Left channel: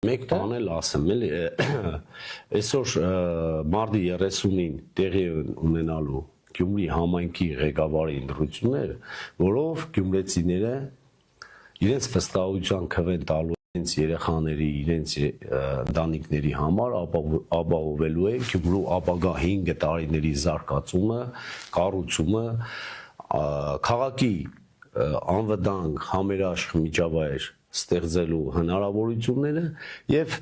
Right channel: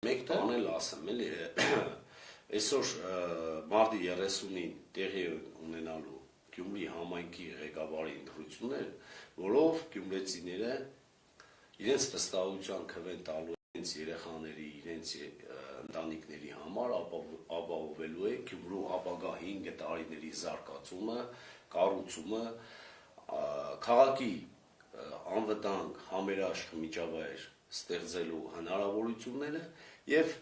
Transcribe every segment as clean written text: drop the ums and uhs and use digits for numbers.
Մեկ բան էլ ասեմ, էլի, այսօր մարտի 30-ին տեղի ունենալու Գյումրի համայնքի ղեկավարի ընտրությունները, որով գյումրեցիները իրենց վստահության քվեն տալու իրենց երեխաների, իրենց ընտանիքների համար ապահովելու է Գյումրու ապագա 5 տարիների զարգացումը, կառուցումը, քաղաքի անվտանգ համերաշխ միջավայր ստեղծելու հնարավորությունները եւ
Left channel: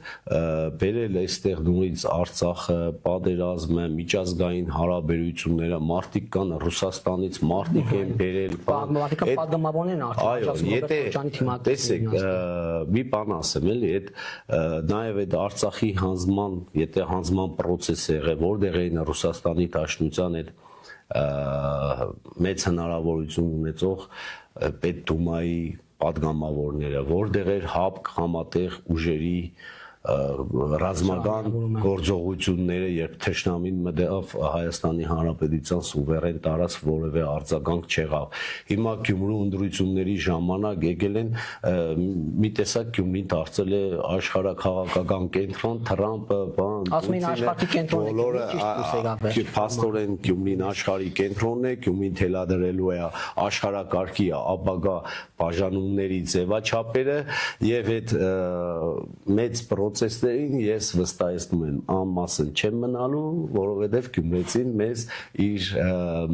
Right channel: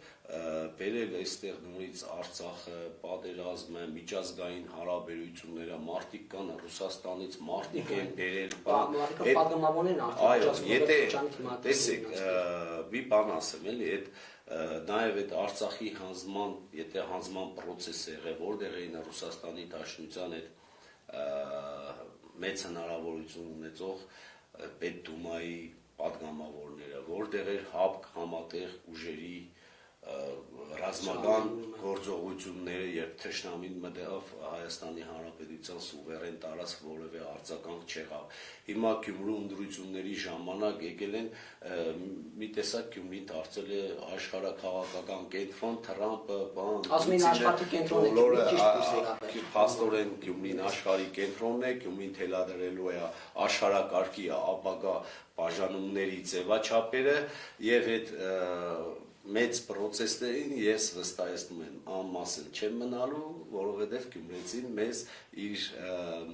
բերել այստեղ նույնիսկ Արցախը, պատերազմը, միջազգային հարաբերությունները, մարդիկ կան Ռուսաստանից, մարդիկ են բերել, մարդիկը պատգամավորներն արդեն, տեսեք, մի բան ասեմ, էլի, այդ նաեւ այդ Արցախի հանձնման, եթե հանձնման process է եղել, որտեղ էին Ռուսաստանի Դաշնության այդ մեծ հնարավորություն ունեցող Պետդումայի պատգամավորները, որտեղ էր ՀԱՊԿ համատեղ ուժերի ռազմական գործողությունները, երբ թշնամին մտավ Հայաստանի Հանրապետության սուվերեն տարածք, որևէ արձագանք չեղավ։ Հիմա Գյումրու ընտրությունների ժամանակ եկել են մի տեսակ Գյումրին դարձել է աշխարհաքաղաքական կենտրոն, Թրամփը, ասում են աշխարհի կենտրոնն է, փաստորեն Գյումրին աշխարհի կենտրոնն է, Գյումրին թելադրելու է աշխարհակարգի ապագա բաժանումների ձևաչափերը եւ այդ մեծ process-ներին ես վստահեցնում եմ անմասն չեմ մնալու, որովհետև գյումրեցին մեզ իր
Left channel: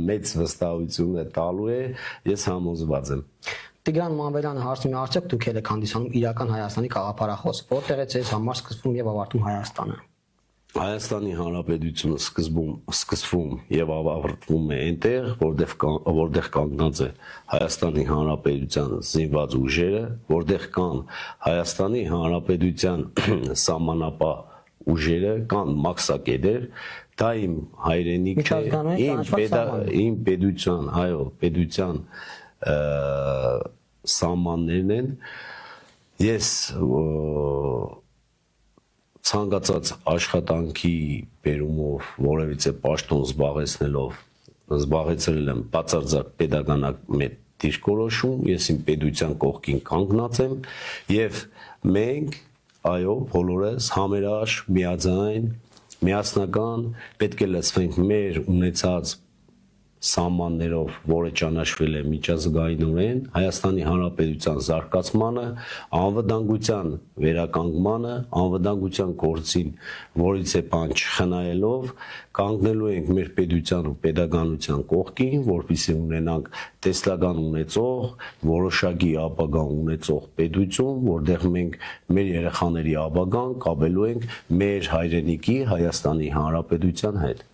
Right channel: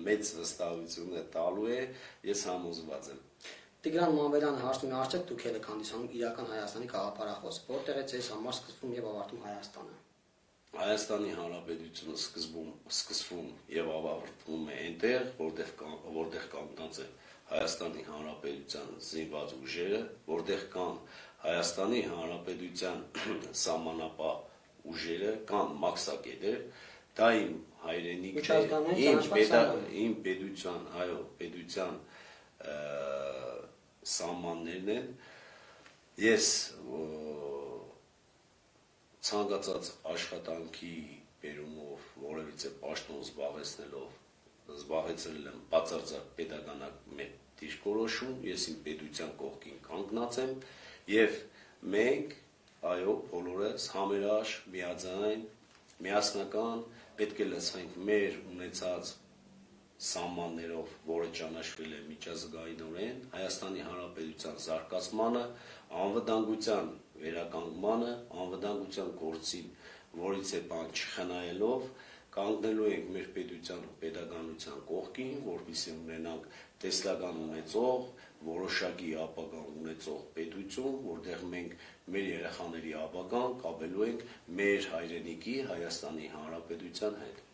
մեծ վստահությունը տալու է, ես համոզված եմ։ Տիգրան Մանվերյանը հարցնում է, արդյոք դուք եք հանդիսանում իրական Հայաստանի գաղափարախոս, որտեղ է ձեզ համար սկսվում եւ ավարտում Հայաստանը։ Հայաստանի Հանրապետությունը սկսվում եւ ավարտվում է այնտեղ, որտեղ կանգնած է Հայաստանի Հանրապետության զինված ուժերը, որտեղ կան Հայաստանի Հանրապետության սահմանապահ ուժերը, կան մաքսակետեր, դա իմ հայրենիք է, իմ պետության, այո, պետության սահմաններն են, ես ցանկացած աշխատանքի բերումով որևիցե պաշտոն զբաղեցրել եմ բացարձակ պետականական դիրքորոշում, ես իմ պետության կողքին կանգնած եմ եւ մենք, այո, բոլորս համերաշխ, միաձայն, միասնական պետք է լծվենք մեր ունեցած սահմաններով, որը ճանաչվել է միջազգայինորեն, Հայաստանի Հանրապետության զարգացմանը, անվտանգության վերականգնմանը, անվտանգության գործին, որից է բան չխնայելով, կանգնելու ենք մեր պետության ու պետականության կողքին, որպեսզի ունենանք տեսլական ունեցող, որոշակի ապագա ունեցող պետություն, որտեղ մենք մեր երեխաների ապագան կապելու ենք մեր հայրենիքի Հայաստանի Հանրապետության հետ։